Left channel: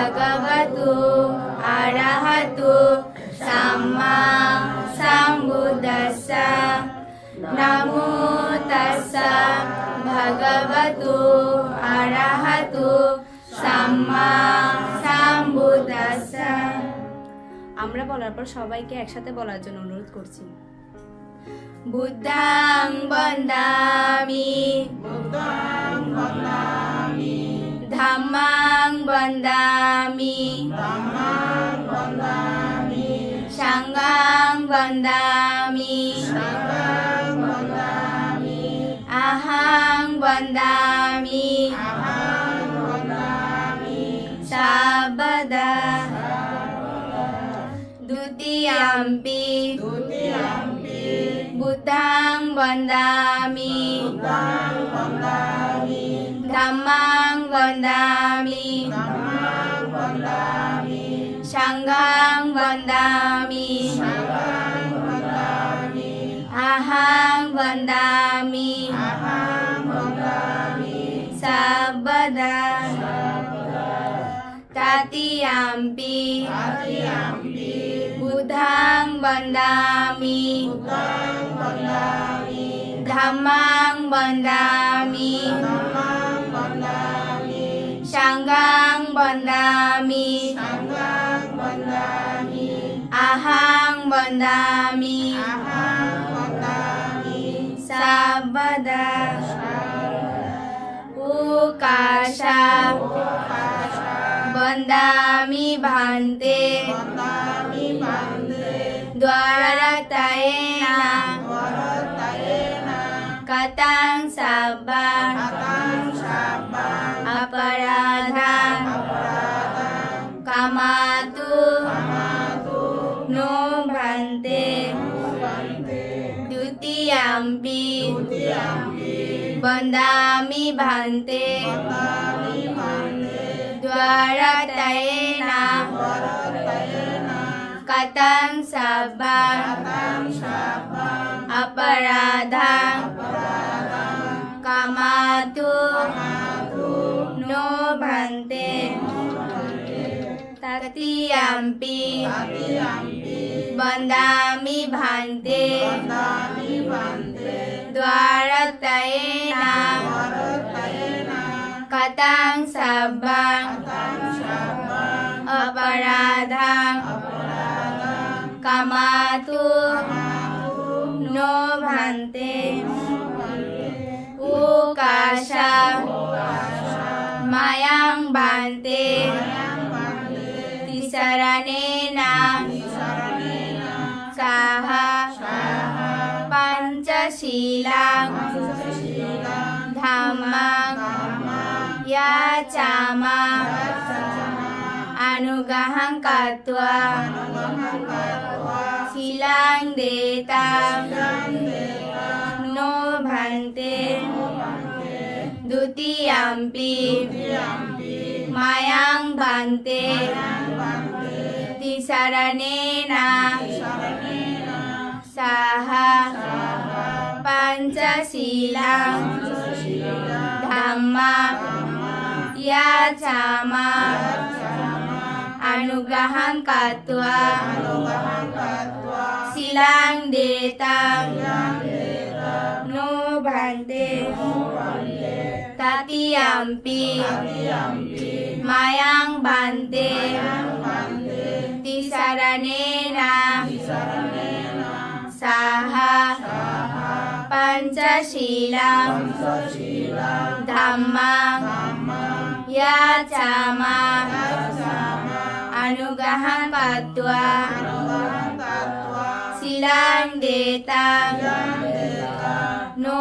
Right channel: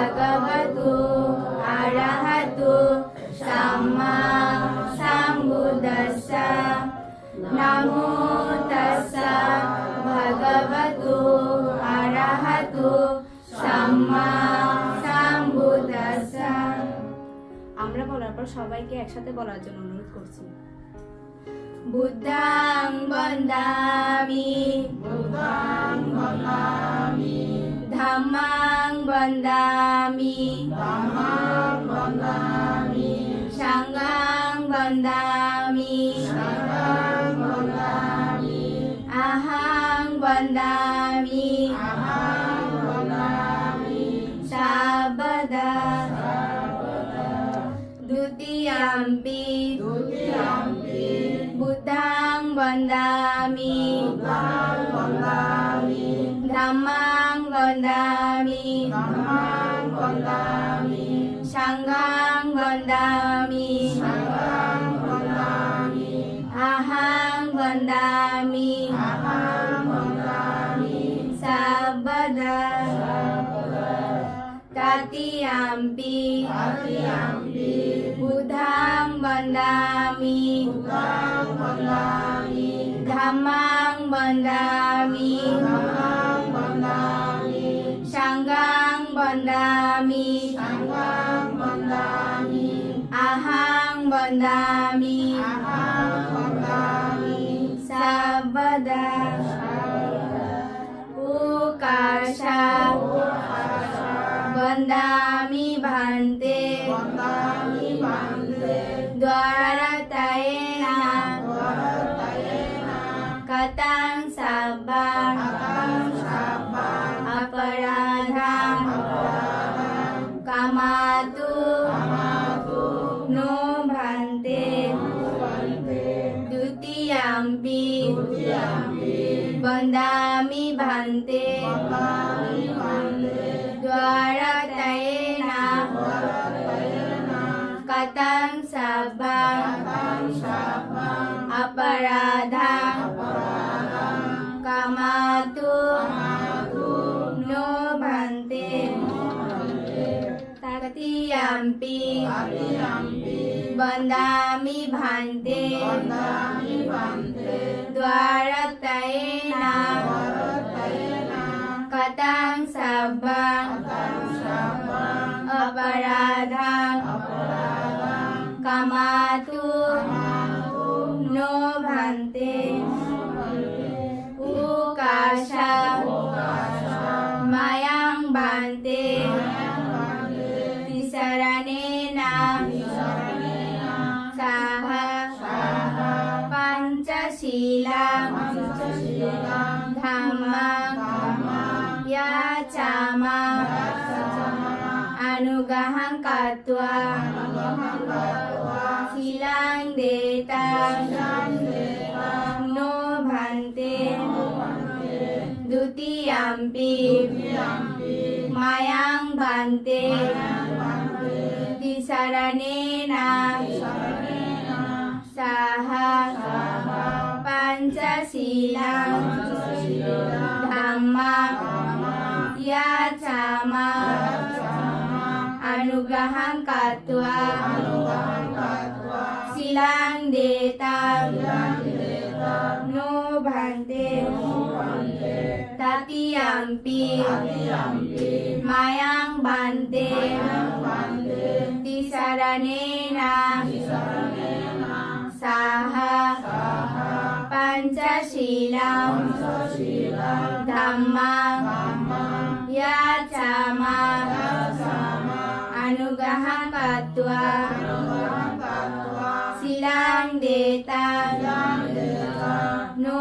भगवतो अरहतो सम्मा सम्बुद्दस्स नमो तस्सा भगवतो अरहतो सम्मा सम्बुद्दस्स। আমরা বলার পর সবাইকে একসাথে বলার জন্য অনুরোধ করছি। বুদ্ধাং বন্দামি ধাম্মাং বন্দামি সাঙ্গাং বন্দামি আহাং বন্দামি সাবদা द्वितीयम्पि बुद्धं वन्दामि धम्मं वन्दामि संघं वन्दामि अहं वन्दामि सर्वदा। तृतीयम्पि बुद्धं वन्दामि धम्मं वन्दामि संघं वन्दामि अहं वन्दामि सर्वदा। ओकाशा वन्दामि भान्ते द्वारतयेन कथं सब्बं अपराधं कामतु नो भन्ते। द्वितीयम्पि वन्दामि भान्ते द्वारतयेन कथं सब्बं अपराधं कामतु नो भन्ते। तृतीयम्पि वन्दामि भान्ते द्वारतयेन कथं सब्बं अपराधं कामतु नो भन्ते। ओकाशा मयं भन्ते तिसरणेन सह पञ्चशीलं धम्मं याचामा अनुग्रहं कृत्वा शीलं देतां नो भन्ते। द्वितीयम्पि मयं भन्ते तिसरणेन सह पञ्चशीलं धम्मं याचामा अनुग्रहं कृत्वा शीलं देतां नो भन्ते। तृतीयम्पि मयं भन्ते तिसरणेन सह पञ्चशीलं धम्मं याचामा अनुग्रहं कृत्वा शीलं देतां नो